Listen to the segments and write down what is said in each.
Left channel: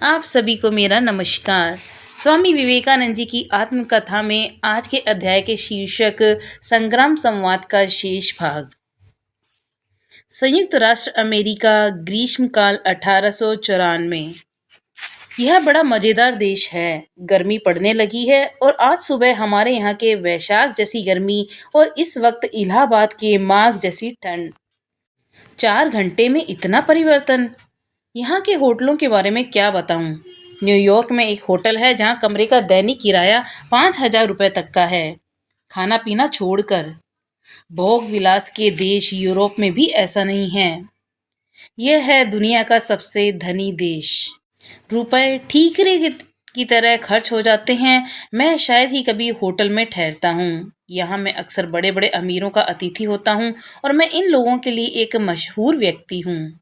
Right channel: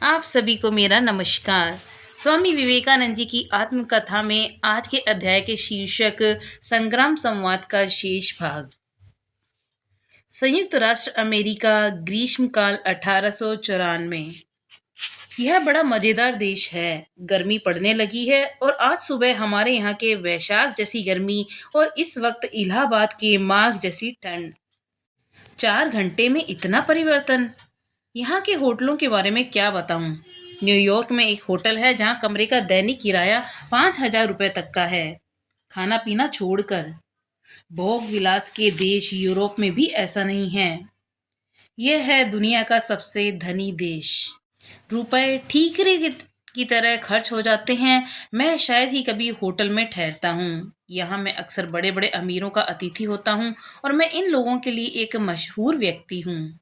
आप सभी को मेरा नमस्कार। स्वामी विवेकानंद जी की आत्मकथा में आज के अध्याय के शीर्षक संग्राम संवाद का शेष भाग। संयुक्त राष्ट्र अमेरिका, ग्रीष्मकाल 1894। यह बड़ा मज़ेदार देश है। गर्मी पड़ने लगी है और आज सुबह हमारे यहाँ के वैशाख जैसी गर्मी और इस वक्त इलाहाबाद के माघ जैसी ठंड। 4 घंटे में इतना परिवर्तन। यहाँ के होटलों के बारे में क्या बताऊँ। न्यूयॉर्क में एक होटल है जहाँ कमरे का दैनिक किराया 5,000 रुपये तक का है, खाना पीना छोड़कर। भोग विलास के देश यूरोप में भी ऐसा नहीं है। यह है दुनिया का सबसे धनी देश। रुपए ठीकरे की तरह खर्च हो जाते हैं। मैं शायद ही कभी होटल में ठहरता हूँ। यहाँ मैं अक्सर बड़े बड़े अमीरों का अतिथि होता हूँ और मैं इन लोगों के लिए एक मशहूर व्यक्ति हूँ।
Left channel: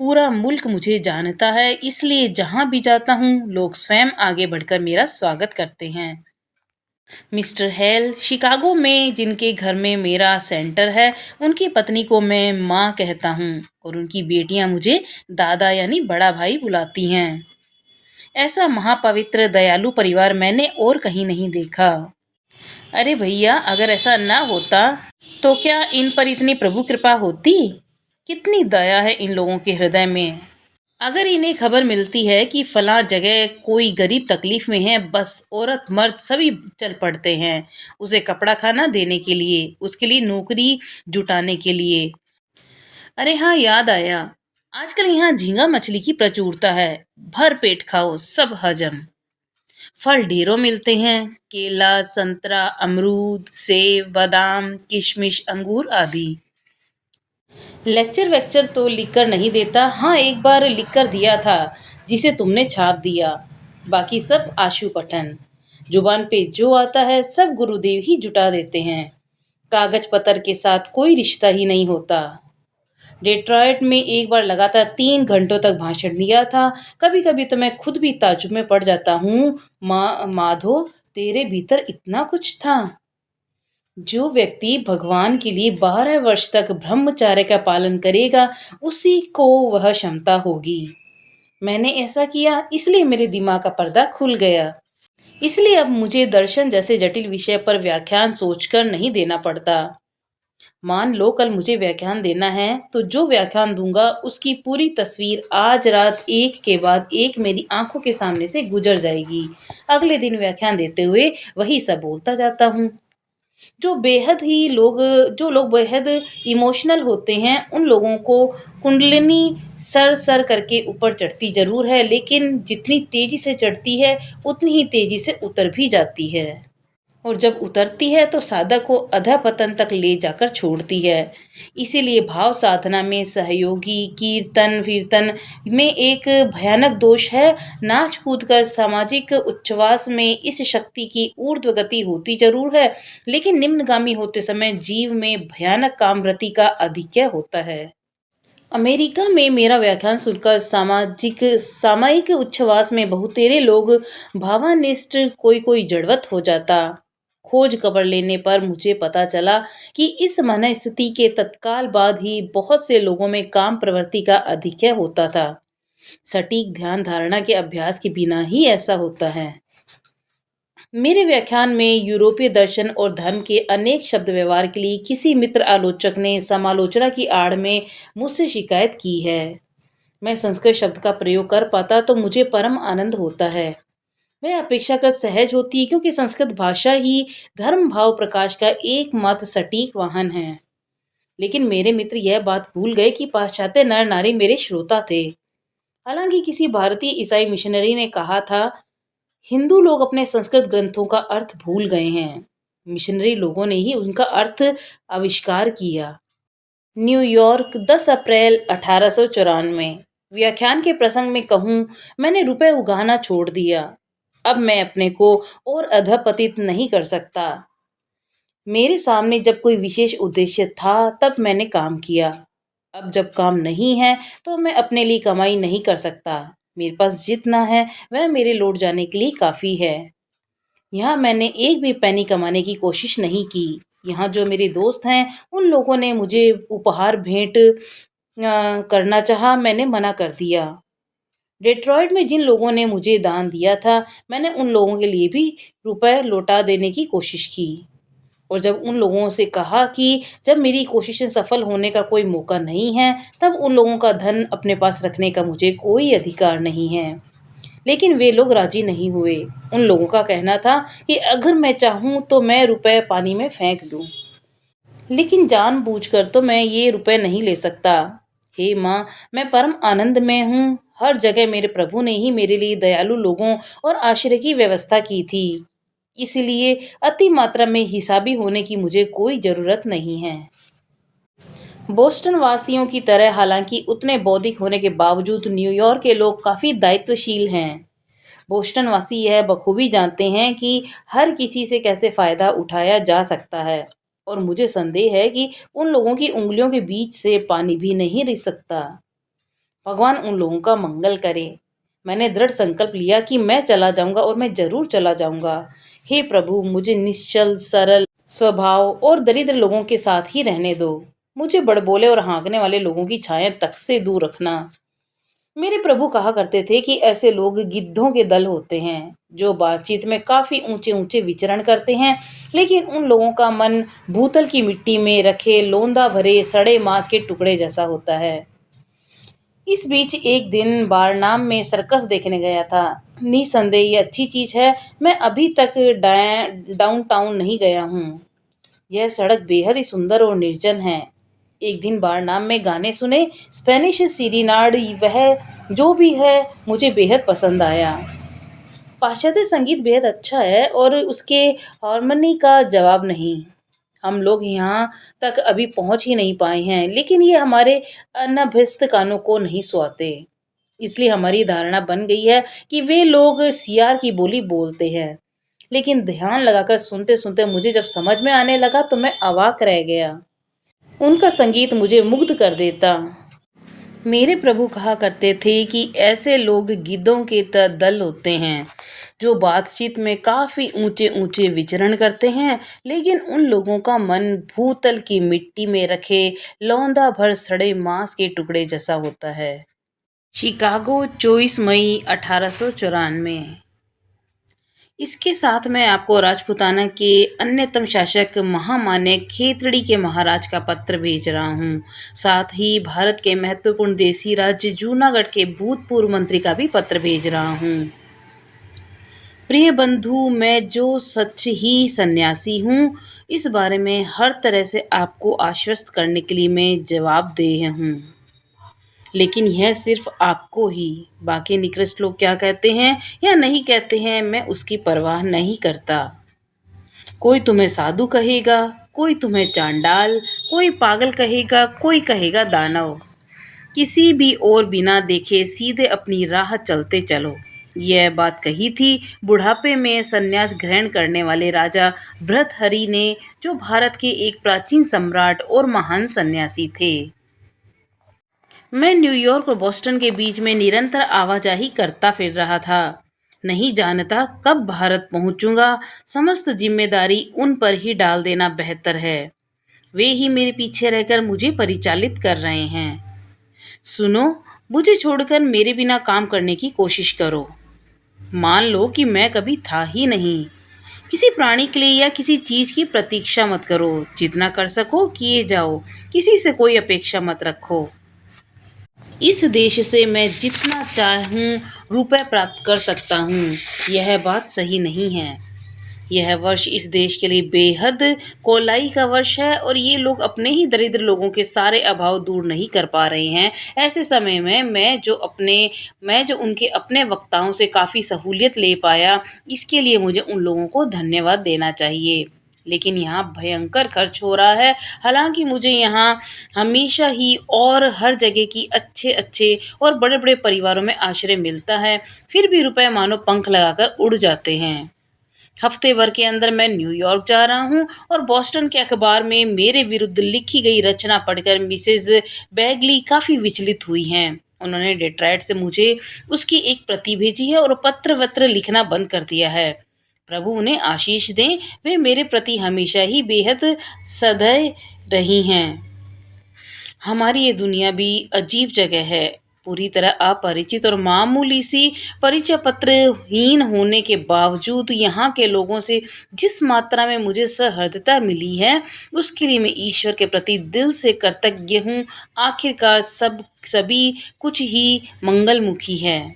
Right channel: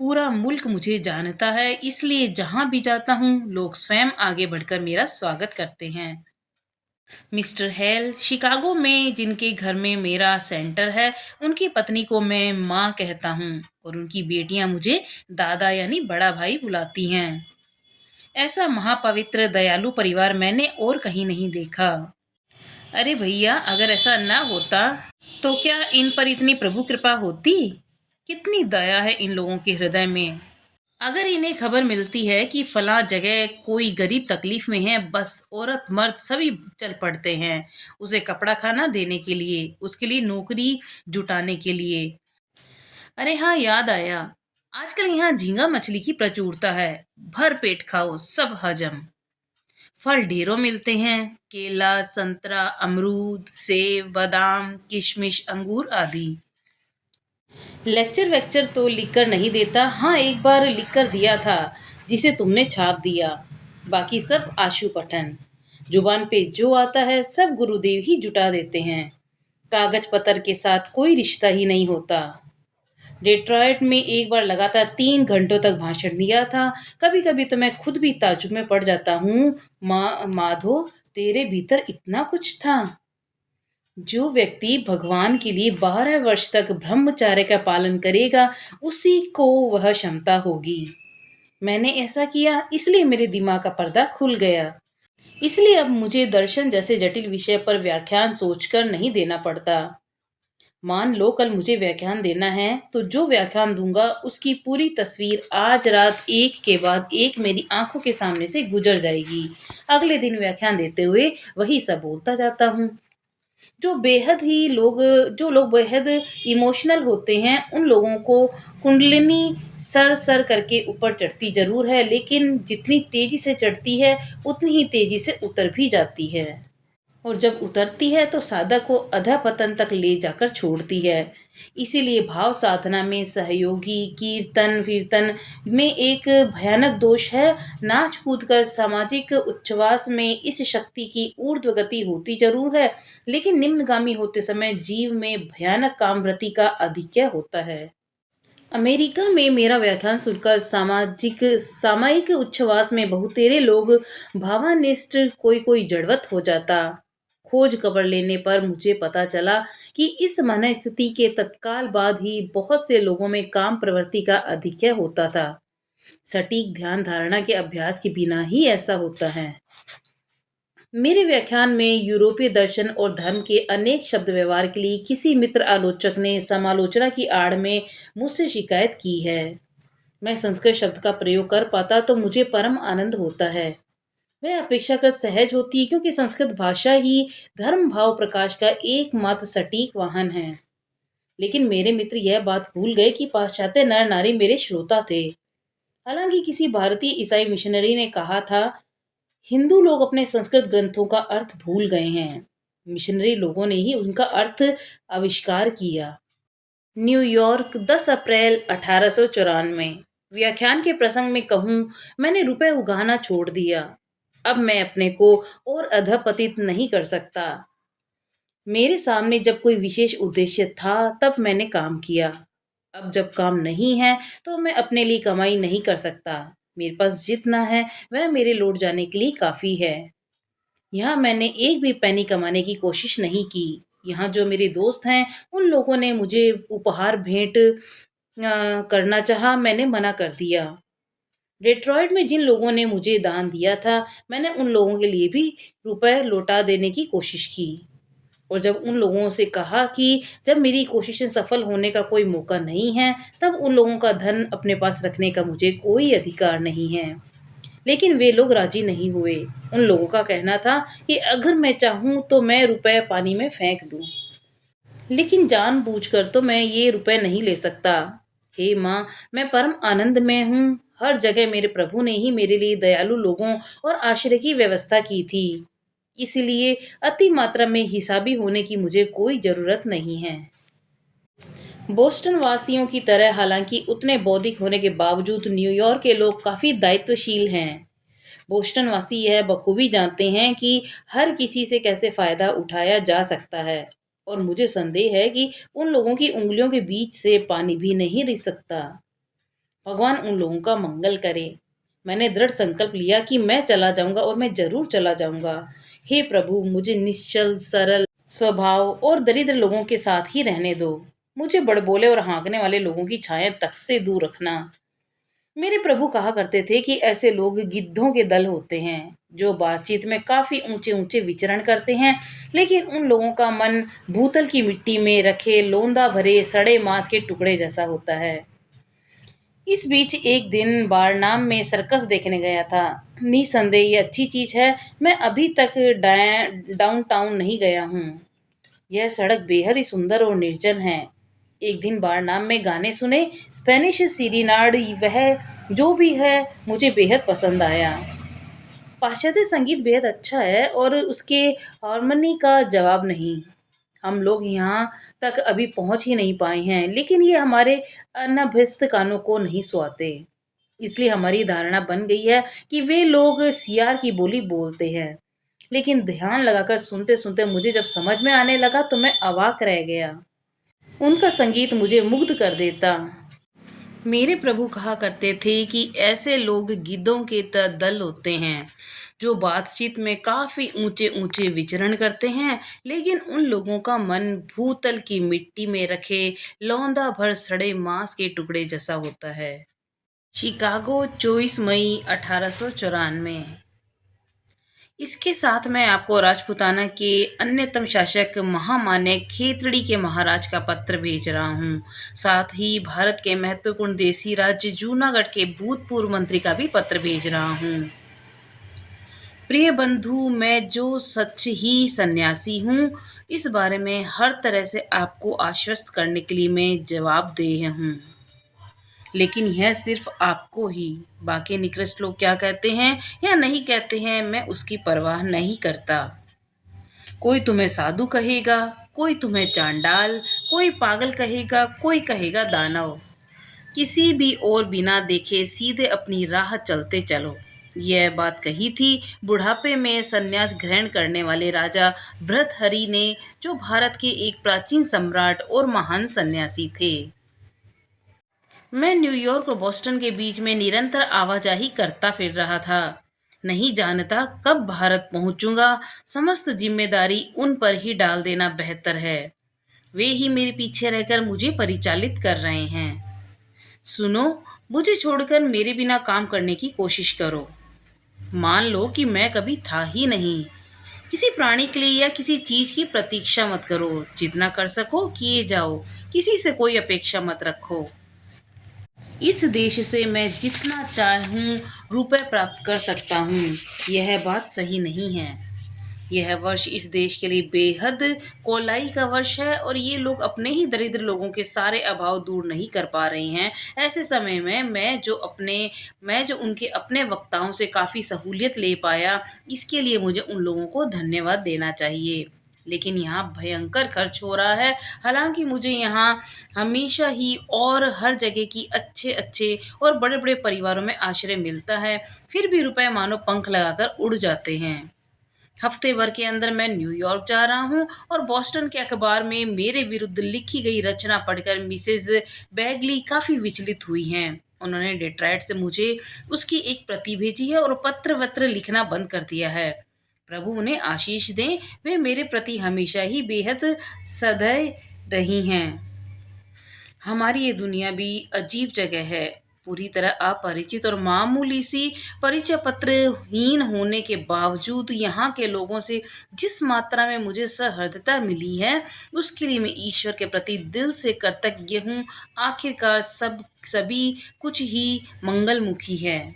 पूरा मुल्क मुझे जानता है, इसलिए जहाँ भी जाता हूँ लोग स्वयं आगे बढ़कर मेरा स्वागत करते हैं। मिस्टर हेल शिकागो में जिनके घर में मेरा सेंटर है, उनकी पत्नी को मैं माँ कहता हूँ और उनकी बेटियाँ मुझे दादा यानी बड़ा भाई बुलाती हैं। ऐसा महापवित्र दयालु परिवार मैंने और कहीं नहीं देखा। अरे भैया, अगर ऐसा ना होता तो क्या इन पर इतनी प्रभु कृपा होती। कितनी दया है इन लोगों के हृदय में। अगर इन्हें खबर मिलती है कि फलां जगह कोई गरीब तकलीफ में है, बस औरत मर्द सभी चल पड़ते हैं उसे कपड़ा खाना देने के लिए, उसके लिए नौकरी जुटाने के लिए। अरे हाँ, याद आया, आजकल यहाँ झींगा मछली की प्रचुरता है। भर पेट खाओ, सब हजम। फल ढेरों मिलते हैं, केला, संतरा, अमरूद, सेब, बादाम, किशमिश, अंगूर आदि। लेक्चर वेक्चर तो लिखकर नहीं देता। हाँ, एक बार लिखकर दिया था, जिसे तुमने छाप दिया। बाकी सब आशु पठन। जुबान पे जो आता है सब गुरुदेव ही जुटा देते हैं। कागज पत्र के साथ कोई रिश्ता ही नहीं होता। डेट्रॉयट में एक बार लगातार 3 घंटों तक भाषण दिया था। कभी कभी तो मैं खुद भी ताज्जुब में पड़ जाता हूँ। माधो, तेरे भीतर इतना कुछ था। जो व्यक्ति भगवान के लिए 12 वर्ष तक ब्रह्मचर्य का पालन करेगा, उसी को वह क्षमता होगी। मैंने ऐसा किया, इसलिए मेरे दिमाग का पर्दा खुल गया। इसलिए अब मुझे दर्शन जैसे जटिल विषय पर व्याख्यान सोचकर नहीं देना पड़ता। मान लो कल मुझे व्याख्यान देना है, तो जो व्याख्यान दूंगा उसकी पूरी तस्वीर आज रात एक के बाद एक मेरी आंखों के सामने से गुजर जाएगी। अगले दिन व्याख्यान देते हुए वही सब बोलता जाता हूँ। जो लोग बेहद इमोशनल होते हैं, उन लोगों को कुंडलिनी सर सर करके ऊपर चढ़ती जरूर है, लेकिन जितनी तेजी से चढ़ती है उतनी ही तेजी से उतर भी जाती है। और जब उतरती है तो साधक को अधःपतन तक ले जाकर छोड़ती है। इसीलिए भाव साधना में सहयोगी कीर्तन वीर्तन में एक भयानक दोष है। नाच कूद कर सामाजिक उच्छ्वास में इस शक्ति की ऊर्ध्व गति होती जरूर है, लेकिन निम्नगामी होते समय जीव में भयानक कामवृत्ति का अधिक्य होता है। अमेरिका में मेरा व्याख्यान सुनकर सामायिक उच्छ्वास में बहुतेरे लोग भावानिष्ठ, कोई कोई जड़वत हो जाता। खोज खबर लेने पर मुझे पता चला कि इस मनस्थिति के तत्काल बाद ही बहुत से लोगों में काम प्रवृत्ति का अधिक्य होता था। सटीक ध्यान धारणा के अभ्यास के बिना ही ऐसा होता है। मेरे व्याख्यान में यूरोपीय दर्शन और धर्म के अनेक शब्द व्यवहार के लिए किसी मित्र आलोचक ने समालोचना की आड़ में मुझसे शिकायत की है। मैं संस्कृत शब्द का प्रयोग कर पाता तो मुझे परम आनंद होता है। वह अपेक्षाकृत सहज होती है, क्योंकि संस्कृत भाषा ही धर्म भाव प्रकाश का एकमात्र सटीक वाहन है। लेकिन मेरे मित्र यह बात भूल गए कि पाश्चात्य नर नारी मेरे श्रोता थे। हालांकि किसी भारतीय ईसाई मिशनरी ने कहा था, हिंदू लोग अपने संस्कृत ग्रंथों का अर्थ भूल गए हैं, मिशनरी लोगों ने ही उनका अर्थ आविष्कार किया। न्यूयॉर्क, 10 अप्रैल 1894। व्याख्यान के प्रसंग में कहूँ, मैंने रुपए उगाना छोड़ दिया। अब मैं अपने को और अधपतित नहीं कर सकता। मेरे सामने जब कोई विशेष उद्देश्य था तब मैंने काम किया। अब जब काम नहीं है तो मैं अपने लिए कमाई नहीं कर सकता। मेरे पास जितना है वह मेरे लौट जाने के लिए काफ़ी है। यहाँ मैंने एक भी पैनी कमाने की कोशिश नहीं की। यहाँ जो मेरे दोस्त हैं उन लोगों ने मुझे उपहार भेंट करना चाहा, मैंने मना कर दिया। डेट्रॉइट में जिन लोगों ने मुझे दान दिया था, मैंने उन लोगों के लिए भी रुपए लौटा देने की कोशिश की। और जब उन लोगों से कहा कि जब मेरी कोशिशें सफल होने का कोई मौका नहीं है, तब उन लोगों का धन अपने पास रखने का मुझे कोई अधिकार नहीं है। लेकिन वे लोग राजी नहीं हुए। उन लोगों का कहना था कि अगर मैं चाहूँ तो मैं रुपए पानी में फेंक दूँ, लेकिन जानबूझकर तो मैं ये रुपए नहीं ले सकता। हे माँ, मैं परम आनंद में हूँ। हर जगह मेरे प्रभु ने ही मेरे लिए दयालु लोगों और आश्रय की व्यवस्था की थी। इसलिए अति मात्रा में हिसाबी होने की मुझे कोई ज़रूरत नहीं है। बोस्टन वासियों की तरह हालांकि उतने बौद्धिक होने के बावजूद न्यूयॉर्क के लोग काफ़ी दायित्वशील हैं। बोस्टन वासी यह बखूबी जानते हैं कि हर किसी से कैसे फ़ायदा उठाया जा सकता है, और मुझे संदेह है कि उन लोगों की उंगलियों के बीच से पानी भी नहीं रिस सकता। भगवान उन लोगों का मंगल करे। मैंने दृढ़ संकल्प लिया कि मैं चला जाऊंगा, और मैं जरूर चला जाऊंगा। हे प्रभु, मुझे निश्चल सरल स्वभाव और दरिद्र लोगों के साथ ही रहने दो। मुझे बड़बोले और हाँकने वाले लोगों की छाया तक से दूर रखना। मेरे प्रभु कहा करते थे कि ऐसे लोग गिद्धों के दल होते हैं जो बातचीत में काफी ऊंचे ऊंचे विचरण करते हैं, लेकिन उन लोगों का मन भूतल की मिट्टी में रखे लोंदा भरे सड़े मांस के टुकड़े जैसा होता है। इस बीच एक दिन बारनाम में सर्कस देखने गया था। निसंदेह ये अच्छी चीज है। मैं अभी तक डाउनटाउन नहीं गया हूँ। यह सड़क बेहद ही सुंदर और निर्जन है। एक दिन बारनाम में गाने सुने। स्पेनिश सीरीनाड, वह जो भी है, मुझे बेहद पसंद आया। पाश्चात्य संगीत बेहद अच्छा है और उसके हारमोनी का जवाब नहीं। हम लोग यहाँ तक अभी पहुँच ही नहीं पाए हैं, लेकिन ये हमारे अनभ्यस्त कानों को नहीं सुहाते। इसलिए हमारी धारणा बन गई है कि वे लोग सियार की बोली बोलते हैं। लेकिन ध्यान लगाकर सुनते सुनते मुझे जब समझ में आने लगा तो मैं अवाक रह गया। उनका संगीत मुझे मुग्ध कर देता। मेरे प्रभु कहा करते थे कि ऐसे लोग गिद्धों के दल होते हैं जो बातचीत में काफी ऊंचे ऊंचे विचरण करते हैं, लेकिन उन लोगों का मन भूतल की मिट्टी में रखे लौंदा भर सड़े मांस के टुकड़े जैसा होता है। शिकागो, 24 मई 1894। इसके साथ मैं आपको राजपूताना के अन्यतम शासक महामान्य खेतड़ी के महाराज का पत्र भेज रहा हूँ। साथ ही भारत के महत्वपूर्ण देसी राज्य जूनागढ़ के भूतपूर्व मंत्री का भी पत्र भेज रहा हूँ। प्रिय बंधु, मैं जो सच ही सन्यासी हूँ, इस बारे में हर तरह से आपको आश्वस्त करने के लिए मैं जवाबदेह हूँ। लेकिन यह सिर्फ आपको ही। बाकी निकृष्ट लोग क्या कहते हैं या नहीं कहते हैं, मैं उसकी परवाह नहीं करता। कोई तुम्हें साधु कहेगा, कोई तुम्हें चांडाल, कोई पागल कहेगा, कोई कहेगा दानव। किसी भी और बिना देखे सीधे अपनी राह चलते चलो। यह बात कही थी बुढ़ापे में संन्यास ग्रहण करने वाले राजा भर्तृहरि ने, जो भारत के एक प्राचीन सम्राट और महान सन्यासी थे। मैं न्यूयॉर्क और बोस्टन के बीच में निरंतर आवाजाही करता फिर रहा था। नहीं जानता कब भारत पहुंचूंगा। समस्त जिम्मेदारी उन पर ही डाल देना बेहतर है। वे ही मेरे पीछे रहकर मुझे परिचालित कर रहे हैं। सुनो, मुझे छोड़कर मेरे बिना काम करने की कोशिश करो। मान लो कि मैं कभी था ही नहीं। किसी प्राणी के लिए या किसी चीज की प्रतीक्षा मत करो। जितना कर सको किए जाओ। किसी से कोई अपेक्षा मत रखो। इस देश से मैं जितना चाहूँ रुपए प्राप्त कर सकता हूँ, यह बात सही नहीं है। यह वर्ष इस देश के लिए बेहद कोलाई का वर्ष है, और ये लोग अपने ही दरिद्र लोगों के सारे अभाव दूर नहीं कर पा रहे हैं। ऐसे समय में मैं जो उनके अपने वक्ताओं से काफ़ी सहूलियत ले पाया, इसके लिए मुझे उन लोगों को धन्यवाद देना चाहिए। लेकिन यहाँ भयंकर खर्च हो रहा है। हालांकि मुझे यहाँ हमेशा ही और हर जगह की अच्छे अच्छे और बड़े बड़े परिवारों में आश्रय मिलता है, फिर भी रुपए मानो पंख लगाकर उड़ जाते हैं। हफ्ते भर के अंदर मैं न्यूयॉर्क जा रहा हूँ, और बॉस्टन के अखबार में मेरे विरुद्ध लिखी गई रचना पढ़कर मिसेज बैगली काफ़ी विचलित हुई हैं। उन्होंने डेट्रॉइट से मुझे उसकी एक प्रति भेजी है और पत्र वत्र लिखना बंद कर दिया है। प्रभु उन्हें आशीष दें। वे मेरे प्रति हमेशा ही बेहद सदय रही हैं। हमारी ये दुनिया भी अजीब जगह है। पूरी तरह अपरिचित और मामूली सी परिचय पत्रहीन होने के बावजूद यहाँ के लोगों से जिस मात्रा में मुझे सहृदयता मिली है, उसके लिए मैं ईश्वर के प्रति दिल से कृतज्ञ हूँ। आखिरकार सभी कुछ ही मंगलमुखी है।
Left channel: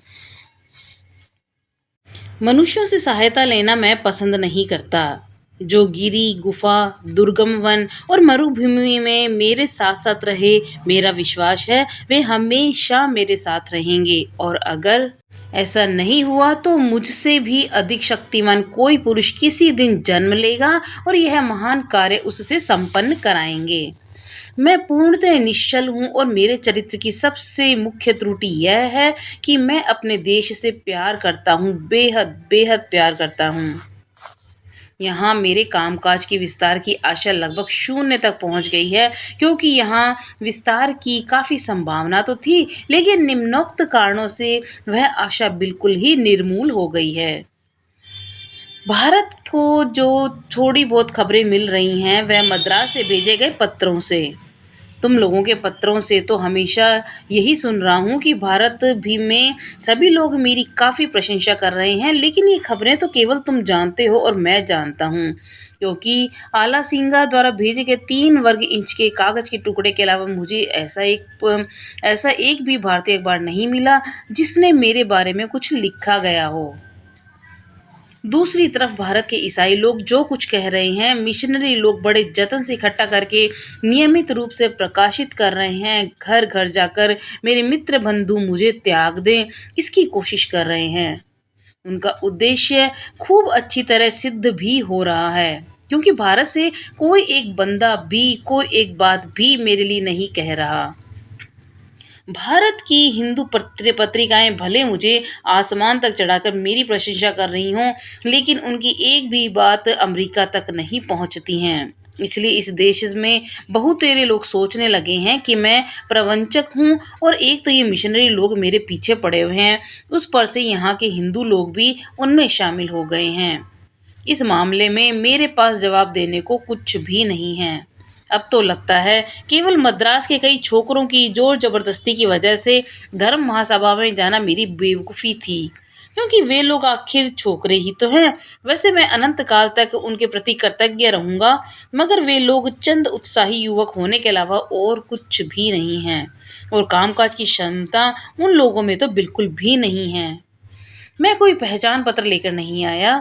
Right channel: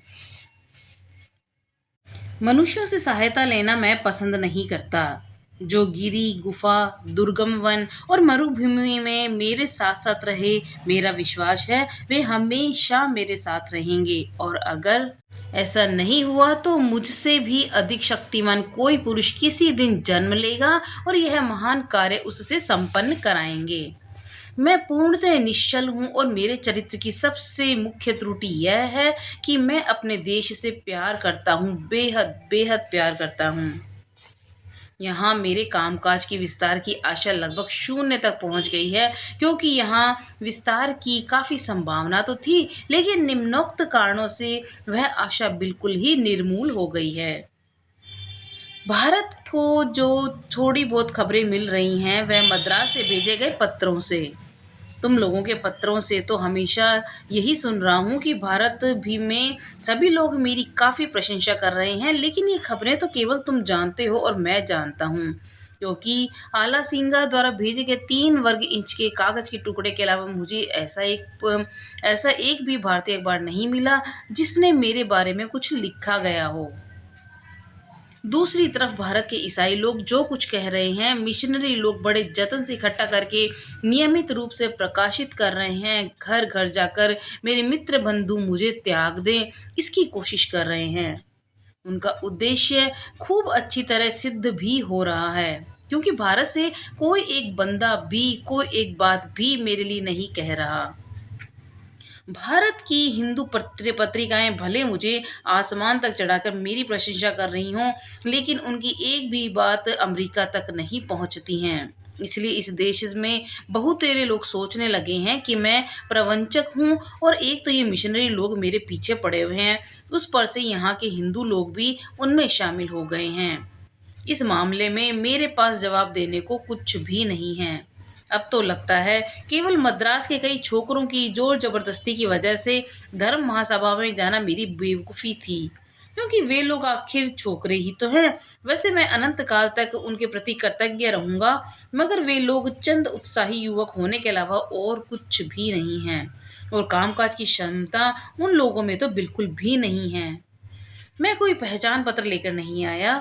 मनुष्यों से सहायता लेना मैं पसंद नहीं करता। जो गिरी, गुफा, दुर्गम वन और मरुभूमि में मेरे साथ साथ रहे, मेरा विश्वास है वे हमेशा मेरे साथ रहेंगे। और अगर ऐसा नहीं हुआ तो मुझसे भी अधिक शक्तिमान कोई पुरुष किसी दिन जन्म लेगा और यह महान कार्य उससे संपन्न कराएंगे। मैं पूर्णतः निश्चल हूँ और मेरे चरित्र की सबसे मुख्य त्रुटि यह है कि मैं अपने देश से प्यार करता हूँ, बेहद बेहद प्यार करता हूँ। यहाँ मेरे कामकाज के विस्तार की आशा लगभग शून्य तक पहुँच गई है, क्योंकि यहाँ विस्तार की काफ़ी संभावना तो थी, लेकिन निम्नोक्त कारणों से वह आशा बिल्कुल ही निर्मूल हो गई है। भारत को जो थोड़ी बहुत खबरें मिल रही हैं वह मद्रास से भेजे गए पत्रों से। तुम लोगों के पत्रों से तो हमेशा यही सुन रहा हूँ कि भारत भी में सभी लोग मेरी काफ़ी प्रशंसा कर रहे हैं, लेकिन ये खबरें तो केवल तुम जानते हो और मैं जानता हूँ, क्योंकि आला सिंगा द्वारा भेजे गए 3 वर्ग इंच के कागज़ के टुकड़े के अलावा मुझे ऐसा एक भी भारतीय अखबार नहीं मिला जिसने मेरे बारे में कुछ लिखा गया हो। दूसरी तरफ भारत के ईसाई लोग जो कुछ कह रहे हैं, मिशनरी लोग बड़े जतन से इकट्ठा करके नियमित रूप से प्रकाशित कर रहे हैं। घर घर जाकर मेरे मित्र बंधु मुझे त्याग दें, इसकी कोशिश कर रहे हैं। उनका उद्देश्य खूब अच्छी तरह सिद्ध भी हो रहा है, क्योंकि भारत से कोई एक बंदा भी कोई एक बात भी मेरे लिए नहीं कह रहा। भारत की हिंदू पत्रिकाएं भले मुझे आसमान तक चढ़ाकर मेरी प्रशंसा कर रही हों, लेकिन उनकी एक भी बात अमेरिका तक नहीं पहुंचती हैं। इसलिए इस देश में बहुतेरे लोग सोचने लगे हैं कि मैं प्रवंचक हूँ, और एक तो ये मिशनरी लोग मेरे पीछे पड़े हुए हैं, उस पर से यहाँ के हिंदू लोग भी उनमें शामिल हो गए हैं। इस मामले में मेरे पास जवाब देने को कुछ भी नहीं है। अब तो लगता है केवल मद्रास के कई छोकरों की जोर जबरदस्ती की वजह से धर्म महासभा में जाना मेरी बेवकूफ़ी थी, क्योंकि वे लोग आखिर छोकरे ही तो हैं। वैसे मैं अनंत काल तक उनके प्रति कृतज्ञ रहूँगा, मगर वे लोग चंद उत्साही युवक होने के अलावा और कुछ भी नहीं हैं, और कामकाज की क्षमता उन लोगों में तो बिल्कुल भी नहीं है। मैं कोई पहचान पत्र लेकर नहीं आया।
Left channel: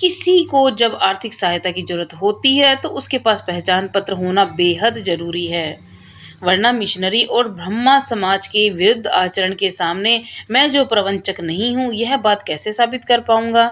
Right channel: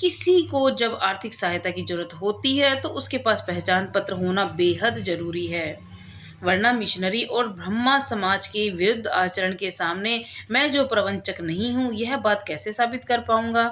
किसी को जब आर्थिक सहायता की ज़रूरत होती है तो उसके पास पहचान पत्र होना बेहद ज़रूरी है, वरना मिशनरी और ब्रह्मा समाज के विरुद्ध आचरण के सामने मैं जो प्रवंचक नहीं हूँ, यह बात कैसे साबित कर पाऊँगा।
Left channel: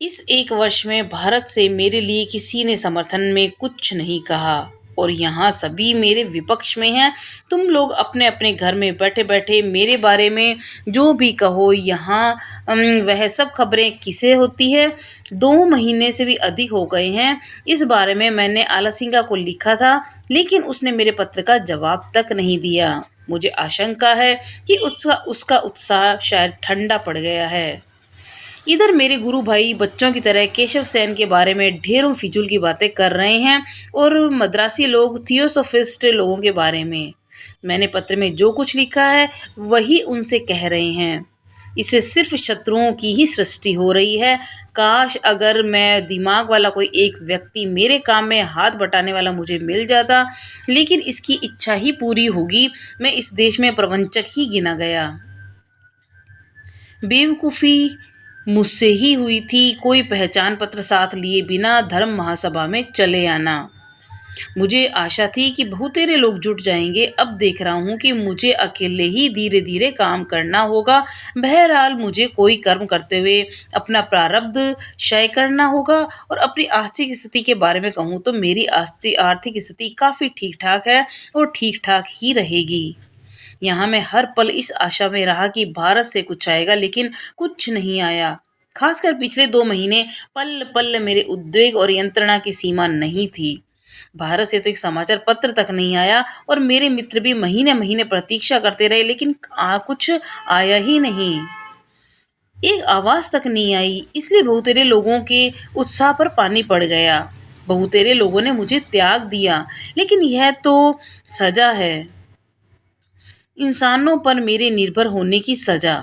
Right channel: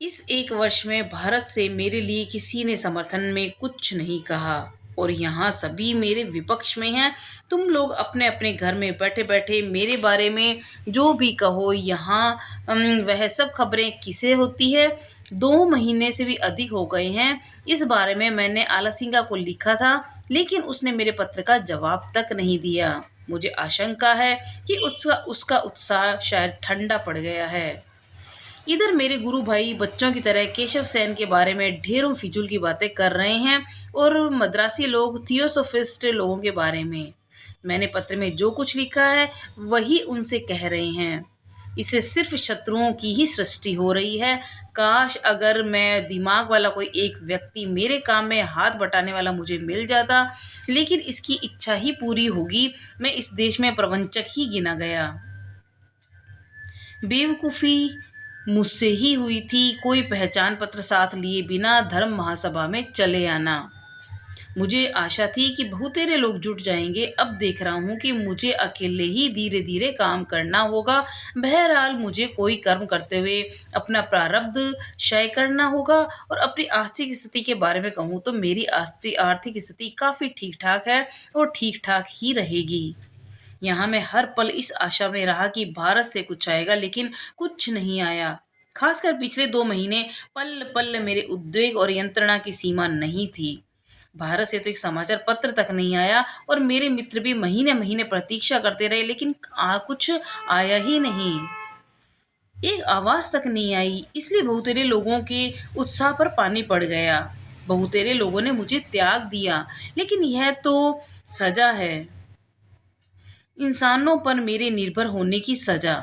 इस 1 वर्ष में भारत से मेरे लिए किसी ने समर्थन में कुछ नहीं कहा, और यहाँ सभी मेरे विपक्ष में हैं। तुम लोग अपने अपने घर में बैठे बैठे मेरे बारे में जो भी कहो, यहाँ वह सब खबरें किसे होती है। 2 महीने से भी अधिक हो गए हैं। इस बारे में मैंने आलासिंगा को लिखा था, लेकिन उसने मेरे पत्र का जवाब तक नहीं दिया। मुझे आशंका है कि उसका उत्साह शायद ठंडा पड़ गया है। इधर मेरे गुरु भाई बच्चों की तरह केशव सेन के बारे में ढेरों फिजूल की बातें कर रहे हैं, और मद्रासी लोग थियोसोफिस्ट लोगों के बारे में। मैंने पत्र में जो कुछ लिखा है वही उनसे कह रहे हैं। इससे सिर्फ शत्रुओं की ही सृष्टि हो रही है। काश अगर मैं दिमाग वाला कोई एक व्यक्ति मेरे काम में हाथ बटाने वाला मुझे मिल जाता, लेकिन इसकी इच्छा ही पूरी होगी। मैं इस देश में प्रवंचक ही गिना गया। बेवकूफ़ी मुझसे ही हुई थी कोई पहचान पत्र साथ लिए बिना धर्म महासभा में चले आना। मुझे आशा थी कि बहुतेरे लोग जुट जाएंगे। अब देख रहा हूँ कि मुझे अकेले ही धीरे धीरे काम करना होगा। बहरहाल मुझे कोई कर्म करते हुए अपना प्रारब्ध क्षय करना होगा। और अपनी आर्थिक स्थिति के बारे में कहूँ तो मेरी आर्थिक स्थिति काफ़ी ठीक ठाक है, और ठीक ठाक ही रहेगी। यहाँ मैं हर पल इस आशा में रहा कि भारत से कुछ आएगा, लेकिन कुछ नहीं आया। खासकर पिछले 2 महीने पल पल मेरे उद्वेग और यंत्रणा की सीमा नहीं थी। भारत से तो एक समाचार पत्र तक नहीं आया, और मेरे मित्र भी महीने महीने प्रतीक्षा करते रहे, लेकिन कुछ आया ही नहीं। एक आवाज़ तक नहीं आई। इसलिए बहुतेरे लोगों के उत्साह पर पानी पड़ गया। बहुतेरे लोगों ने मुझे त्याग दिया, लेकिन यह तो सजा है। इंसानों पर मेरे निर्भर होने की सजा।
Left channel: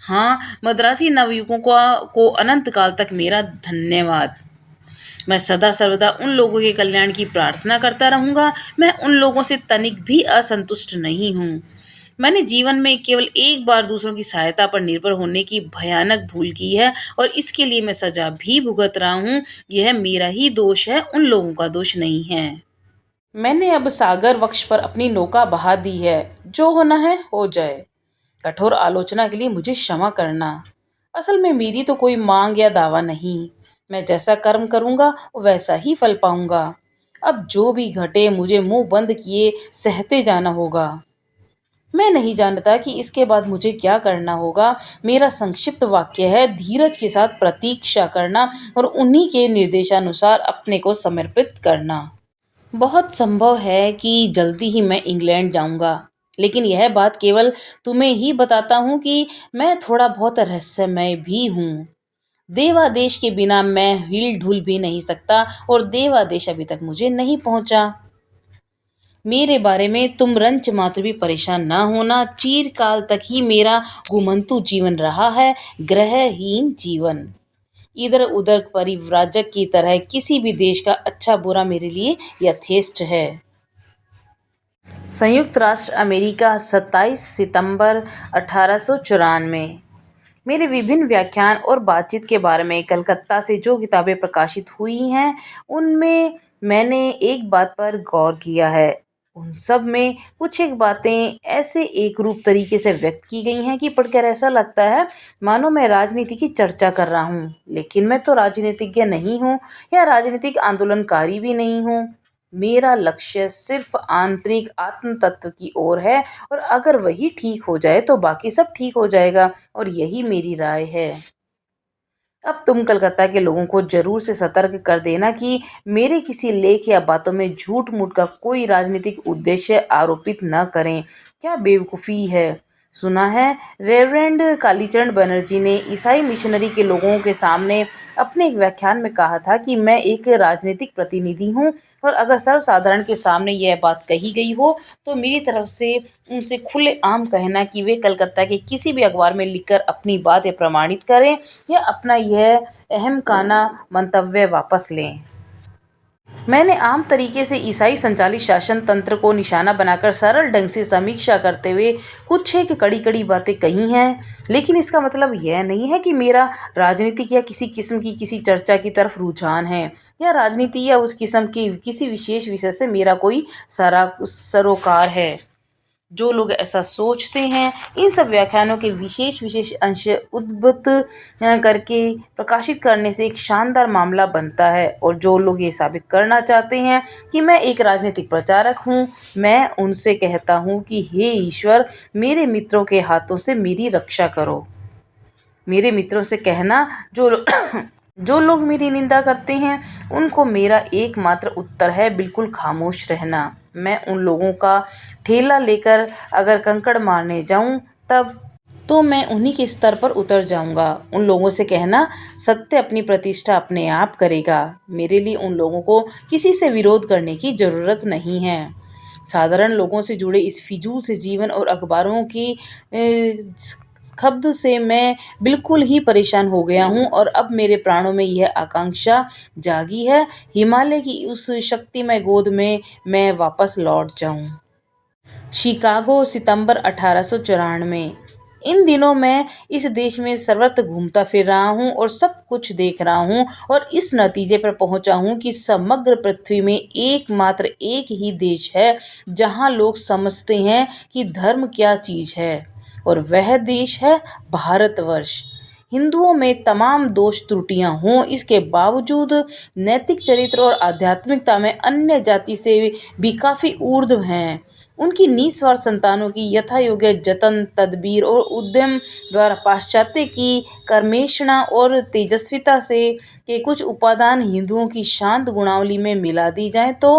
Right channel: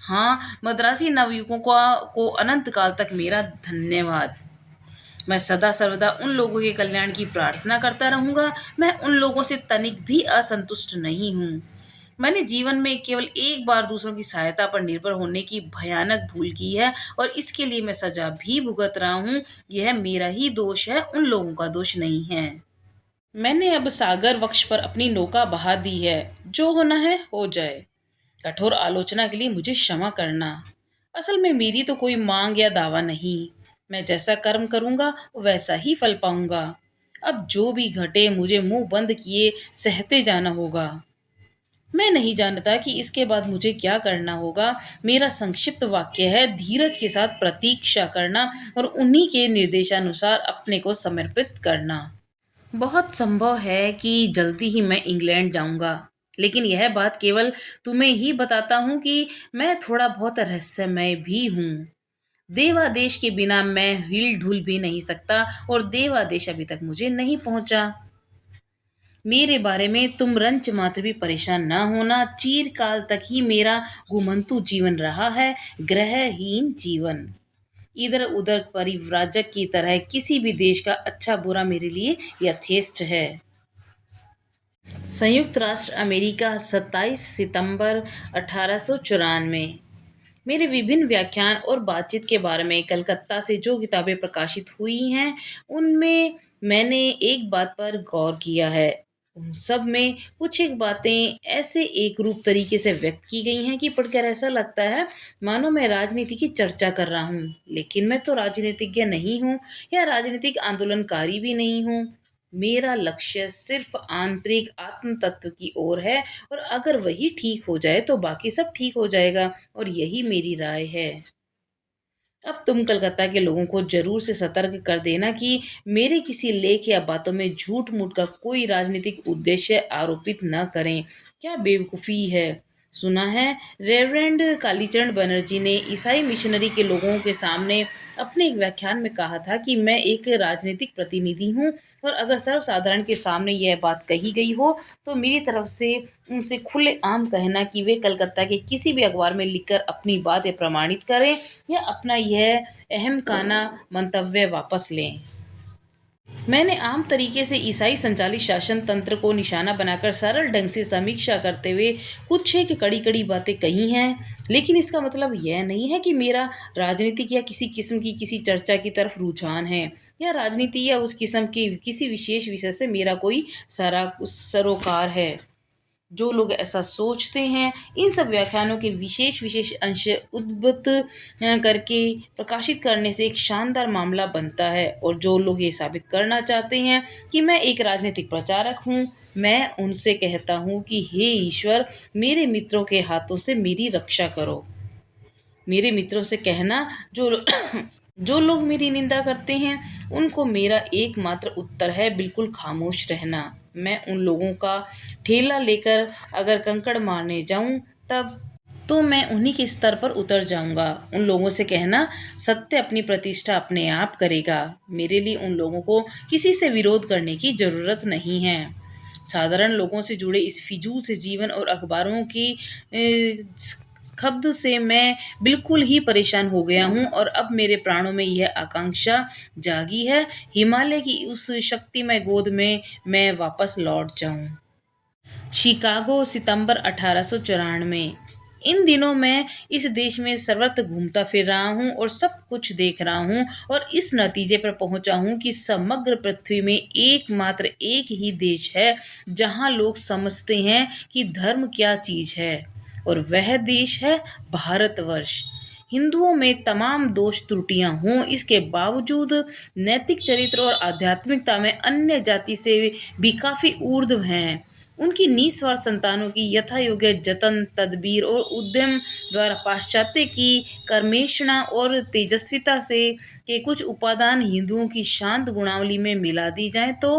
हाँ, मद्रासी नवयुवकों को अनंत काल तक मेरा धन्यवाद। मैं सदा सर्वदा उन लोगों के कल्याण की प्रार्थना करता रहूंगा। मैं उन लोगों से तनिक भी असंतुष्ट नहीं हूँ। मैंने जीवन में केवल एक बार दूसरों की सहायता पर निर्भर होने की भयानक भूल की है और इसके लिए मैं सजा भी भुगत रहा हूँ। यह मेरा ही दोष है, उन लोगों का दोष नहीं है। मैंने अब सागर वक्ष पर अपनी नौका बहा दी है। जो होना है हो जाए। कठोर आलोचना के लिए मुझे क्षमा करना। असल में मेरी तो कोई मांग या दावा नहीं। मैं जैसा कर्म करूंगा वैसा ही फल पाऊंगा। अब जो भी घटे मुझे मुंह बंद किए सहते जाना होगा। मैं नहीं जानता कि इसके बाद मुझे क्या करना होगा। मेरा संक्षिप्त वाक्य है धीरज के साथ प्रतीक्षा करना और उन्हीं के निर्देशानुसार अपने को समर्पित करना। बहुत संभव है कि जल्दी ही मैं इंग्लैंड जाऊंगा, लेकिन यह बात केवल तुम्हें ही बताता हूँ कि मैं थोड़ा बहुत रहस्यमय भी हूँ। देवादेश के बिना मैं हिल ढुल भी नहीं सकता और देवादेश अभी तक मुझे नहीं पहुंचा। मेरे बारे में तुम रंच मात्र भी परेशान ना होना। चीरकाल तक ही मेरा घुमंतु जीवन रहा है, ग्रहहीन जीवन। इधर उधर परिव्राजक की तरह किसी भी देश का अच्छा बुरा मेरे लिए यथेष्ट है। संयुक्त राष्ट्र अमेरिका 27 सितंबर 1894। मेरे विभिन्न व्याख्यान और बातचीत के बारे में कलकत्ता से जो किताबें प्रकाशित हुई हैं उनमें मैंने एक बात पर गौर किया है। उन सब में कुछ एक बातें ऐसे एक रूप तरीके से व्यक्त की गई हैं कि पढ़कर ऐसा लगता है मानो मैं राजनीति की चर्चा कर रहा हूँ। लेकिन मैं तो राजनीतिज्ञ नहीं हूँ या राजनीतिक आंदोलनकारी भी नहीं हूँ। मेरा लक्ष्य सिर्फ आंतरिक आत्म तत्व की ओर है और अगर वही ठीक हो जाए तो बाकी सब ठीक हो जाएगा और यही मेरी राय है। अब तुम कलकत्ता के लोगों को जरूर से सतर्क कर देना कि मेरे किसी लेख या बातों में झूठ मूठ का कोई राजनीतिक उद्देश्य आरोपित न करें। क्या बेवकूफ़ी है। सुना है रेवरेंड कालीचरण बनर्जी ने ईसाई मिशनरी के लोगों के सामने अपने एक व्याख्यान में कहा था कि मैं एक राजनीतिक प्रतिनिधि हूँ और अगर सर्वसाधारण के सामने यह बात कही गई हो तो मेरी तरफ से उनसे खुलेआम कहना कि वे कलकत्ता के किसी भी अखबार में लिखकर अपनी बातें प्रमाणित करें या अपना यह अहमकाना मंतव्य वापस लें। मैंने आम तरीके से ईसाई संचालित शासन तंत्र को निशाना बनाकर सरल ढंग से समीक्षा करते हुए कुछ एक कड़ी कड़ी बातें कही हैं, लेकिन इसका मतलब यह नहीं है कि मेरा राजनीतिक या किसी किस्म की किसी चर्चा की तरफ रुझान है या राजनीति या उस किस्म के किसी विशेष विषय से मेरा कोई सरोकार है। जो लोग ऐसा सोचते हैं इन सब व्याख्यानों के विशेष विशेष अंश उद्धृत करके प्रकाशित करने से एक शानदार मामला बनता है और जो लोग ये साबित करना चाहते हैं कि मैं एक राजनीतिक प्रचारक हूँ मैं उनसे कहता हूँ कि हे ईश्वर मेरे मित्रों के हाथों से मेरी रक्षा करो। मेरे मित्रों से कहना जो लोग मेरी निंदा करते हैं उनको मेरा एकमात्र उत्तर है बिल्कुल खामोश रहना। मैं उन लोगों का ठेला लेकर अगर कंकड़ मारने जाऊं तब तो मैं उन्हीं के स्तर पर उतर जाऊंगा। उन लोगों से कहना सत्य अपनी प्रतिष्ठा अपने आप करेगा। मेरे लिए उन लोगों को किसी से विरोध करने की ज़रूरत नहीं है। साधारण लोगों से जुड़े इस फिजूल से जीवन और अखबारों की खब्द से मैं बिल्कुल ही परेशान हो गया हूँ और अब मेरे प्राणों में यह आकांक्षा जागी है हिमालय की उस शक्तिमय गोद में मैं वापस लौट जाऊं। शिकागो सितंबर 1894। इन दिनों मैं इस देश में सर्वत्र घूमता फिर रहा हूँ और सब कुछ देख रहा हूँ और इस नतीजे पर पहुँचा हूँ कि समग्र पृथ्वी में एकमात्र एक ही देश है जहाँ लोग समझते हैं कि धर्म क्या चीज़ है और वह देश है भारतवर्ष। हिंदुओं में तमाम दोष त्रुटियां हों इसके बावजूद नैतिक चरित्र और आध्यात्मिकता में अन्य जाति से भी काफ़ी ऊर्ध्व हैं। उनकी निस्वार्थ संतानों की यथा योग्य जतन तदबीर और उद्यम द्वारा पाश्चात्य की कर्मेषणा और तेजस्विता से के कुछ उपादान हिंदुओं की शांत गुणावली में मिला दी जाएं तो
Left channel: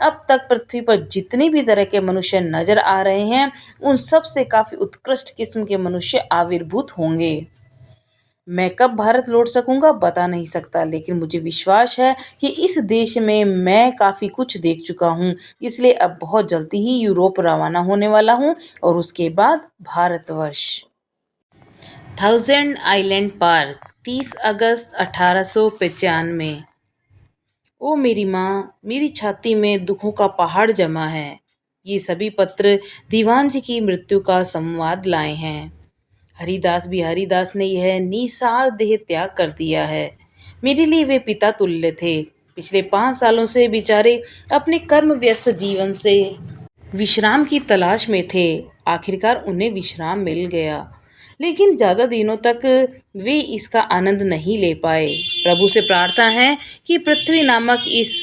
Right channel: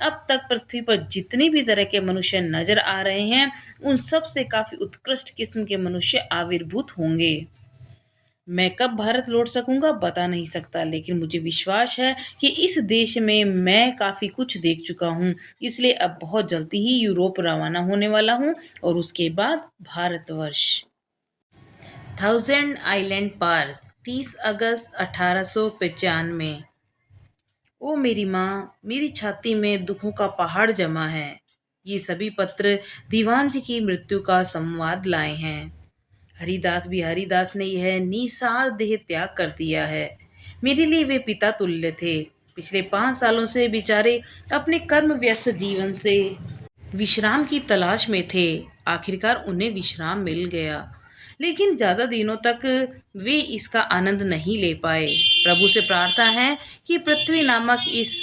अब तक पृथ्वी पर जितनी भी तरह के मनुष्य नजर आ रहे हैं उन सब से काफ़ी उत्कृष्ट किस्म के मनुष्य आविर्भूत होंगे। मैं कब भारत लौट सकूंगा बता नहीं सकता, लेकिन मुझे विश्वास है कि इस देश में मैं काफ़ी कुछ देख चुका हूँ। इसलिए अब बहुत जल्दी ही यूरोप रवाना होने वाला हूँ और उसके बाद भारतवर्ष। थाउजेंड आइलैंड पार्क, 30 अगस्त 1895। ओ मेरी माँ, मेरी छाती में दुखों का पहाड़ जमा है। ये सभी पत्र दीवान जी की मृत्यु का संवाद लाए हैं। हरिदास बिहारी दास ने यह निसार देह त्याग कर दिया है। मेरे लिए वे पिता तुल्य थे। पिछले 5 सालों से बेचारे अपने कर्म व्यस्त जीवन से विश्राम की तलाश में थे। आखिरकार उन्हें विश्राम मिल गया, लेकिन ज़्यादा दिनों तक वे इसका आनंद नहीं ले पाए। प्रभु से प्रार्थना है कि पृथ्वी नामक इस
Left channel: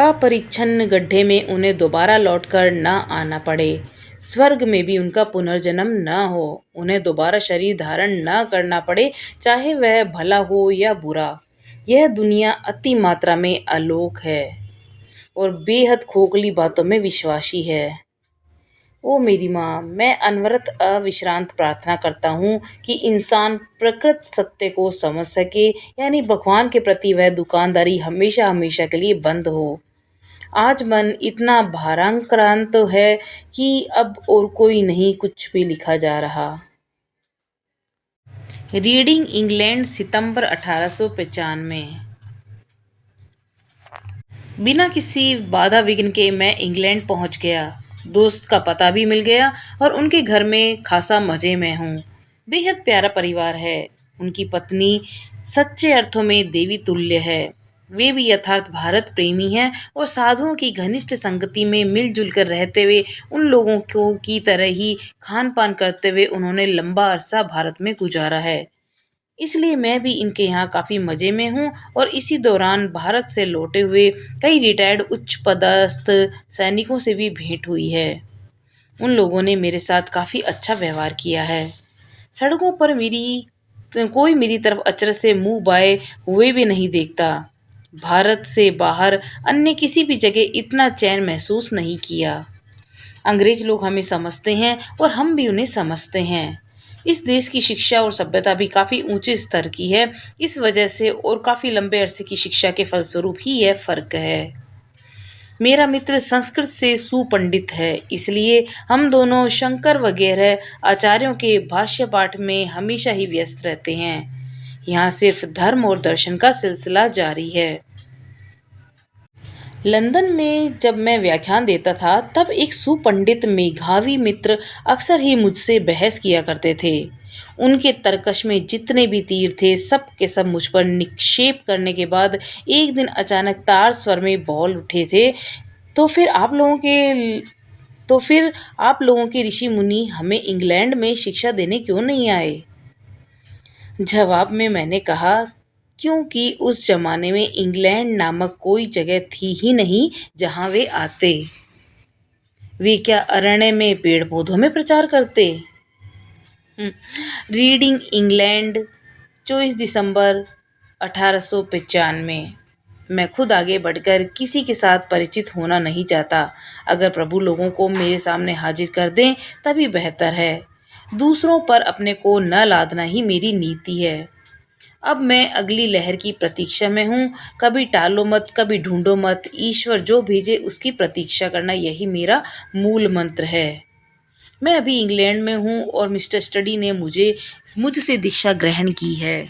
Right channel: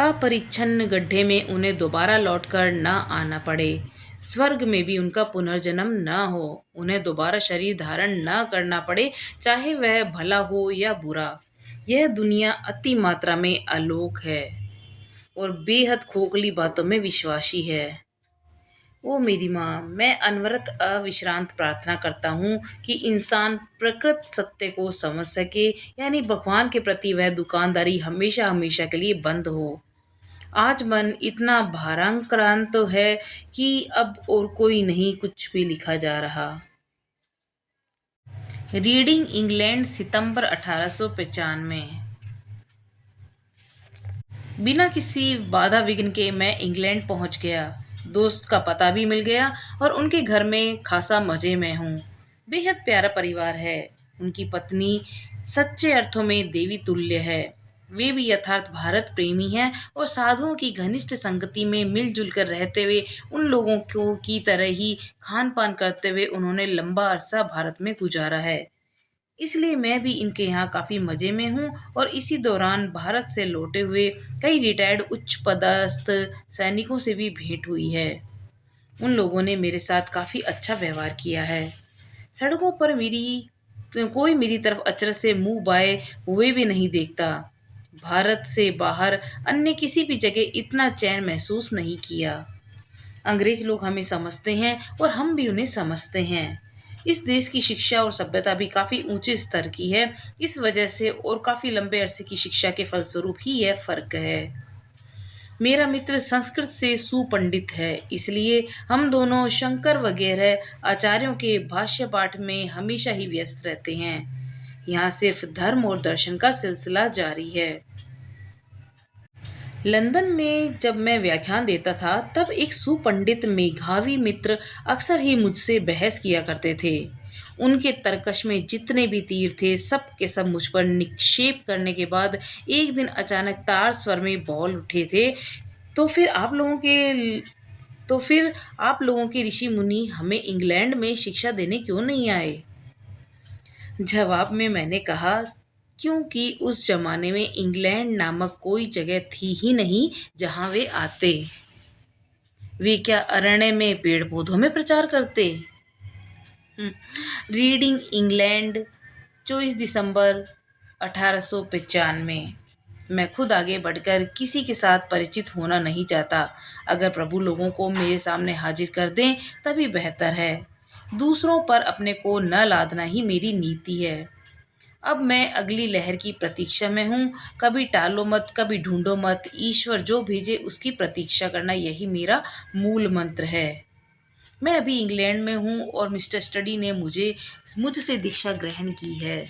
अपरिच्छन्न गड्ढे में उन्हें दोबारा लौटकर न आना पड़े। स्वर्ग में भी उनका पुनर्जन्म न हो, उन्हें दोबारा शरीर धारण न करना पड़े, चाहे वह भला हो या बुरा। यह दुनिया अति मात्रा में अलोक है और बेहद खोखली बातों में विश्वासी है। ओ मेरी माँ, मैं अनवरत अविश्रांत प्रार्थना करता हूँ कि इंसान प्रकृत सत्य को समझ सके, यानी भगवान के प्रति वह दुकानदारी हमेशा हमेशा के लिए बंद हो। आज मन इतना भाराक्रांत है कि अब और कोई नहीं कुछ भी लिखा जा रहा। रीडिंग इंग्लैंड, सितंबर 1895। बिना किसी बाधा विघ्न के मैं इंग्लैंड पहुंच गया। दोस्त का पता भी मिल गया और उनके घर में खासा मज़े में हूँ। बेहद प्यारा परिवार है। उनकी पत्नी सच्चे अर्थों में देवी तुल्य है। वे भी यथार्थ भारत प्रेमी हैं और साधुओं की घनिष्ठ संगति में मिलजुल कर रहते हुए उन लोगों को की तरह ही खान पान करते हुए उन्होंने लंबा अरसा भारत में गुजारा है। इसलिए मैं भी इनके यहाँ काफ़ी मज़े में हूँ और इसी दौरान भारत से लौटे हुए कई रिटायर्ड उच्च पदस्थ सैनिकों से भी भेंट हुई है। उन लोगों ने मेरे साथ काफ़ी अच्छा व्यवहार किया है। सड़कों पर कोई मेरी तरफ अचरज से मुंह बाए हुए भी नहीं देखता। भारत से बाहर अन्य किसी भी जगह इतना चैन महसूस नहीं किया। अंग्रेज लोग हमें समझते हैं और हम भी उन्हें समझते हैं। इस देश की शिक्षा और सभ्यता भी काफ़ी ऊंचे स्तर की है। इस वजह से और काफ़ी लंबे अरसे की शिक्षा के फलस्वरूप ही यह फ़र्क है। मेरा मित्र संस्कृत से सुपंडित है, इसलिए हम दोनों शंकर वगैरह आचार्यों के भाष्य पाठ में हमेशा ही व्यस्त रहते हैं। यहाँ सिर्फ धर्म और दर्शन का सिलसिला जारी है। लंदन में जब मैं व्याख्यान देता था तब एक सुपंडित मेधावी मित्र अक्सर ही मुझसे बहस किया करते थे। उनके तरकश में जितने भी तीर थे सब के सब मुझ पर निक्षेप करने के बाद एक दिन अचानक तार स्वर में बोल उठे थे, तो फिर आप लोगों के ऋषि मुनि हमें इंग्लैंड में शिक्षा देने क्यों नहीं आए? जवाब में मैंने कहा, क्योंकि उस जमाने में इंग्लैंड नामक कोई जगह थी ही नहीं जहां वे आते। वे क्या अरण्य में पेड़ पौधों में प्रचार करते? रीडिंग इंग्लैंड, 24 दिसंबर 1895। मैं खुद आगे बढ़कर किसी के साथ परिचित होना नहीं चाहता। अगर प्रभु लोगों को मेरे सामने हाजिर कर दें तभी बेहतर है। दूसरों पर अपने को न लादना ही मेरी नीति है। अब मैं अगली लहर की प्रतीक्षा में हूँ। कभी टालो मत, कभी ढूंढो मत, ईश्वर जो भेजे उसकी प्रतीक्षा करना, यही मेरा मूल मंत्र है। मैं अभी इंग्लैंड में हूँ और मिस्टर स्टडी ने मुझसे दीक्षा ग्रहण की है।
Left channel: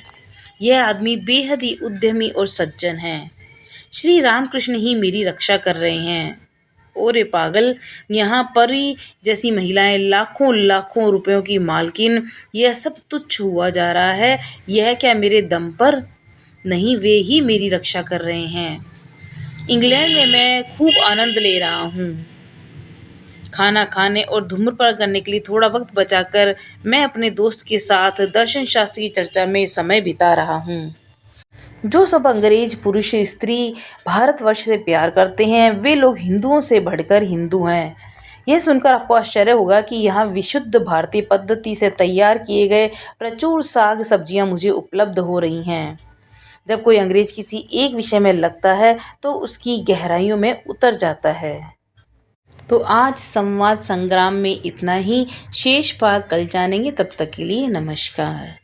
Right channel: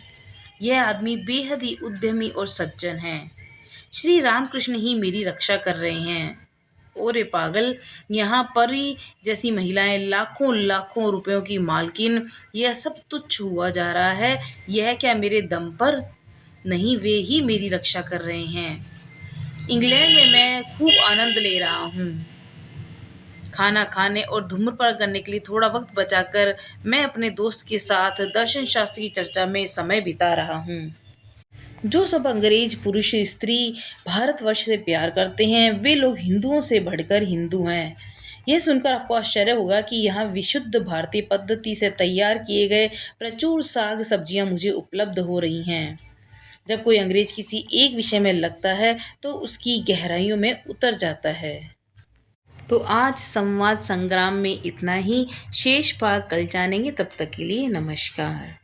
यह आदमी बेहद ही उद्यमी और सज्जन है। श्री रामकृष्ण ही मेरी रक्षा कर रहे हैं। ओरे पागल, यहाँ परी जैसी महिलाएं लाखों लाखों रुपयों की मालकिन, यह सब तुच्छ हुआ जा रहा है। यह क्या मेरे दम पर? नहीं, वे ही मेरी रक्षा कर रहे हैं। इंग्लैंड में मैं खूब आनंद ले रहा हूँ। खाना खाने और धूम्रपान करने के लिए थोड़ा वक्त बचाकर मैं अपने दोस्त के साथ दर्शन शास्त्र की चर्चा में समय बिता रहा हूँ। जो सब अंग्रेज पुरुष स्त्री भारतवर्ष से प्यार करते हैं वे लोग हिंदुओं से बढ़कर हिंदू हैं। यह सुनकर आपको आश्चर्य होगा कि यहाँ विशुद्ध भारतीय पद्धति से तैयार किए गए प्रचुर साग सब्जियाँ मुझे उपलब्ध हो रही हैं। जब कोई अंग्रेज किसी एक विषय में लगता है तो उसकी गहराइयों में उतर जाता है। तो आज संवाद संग्राम में इतना ही। शेष भाग कल जानेंगे। तब तक के लिए नमस्कार।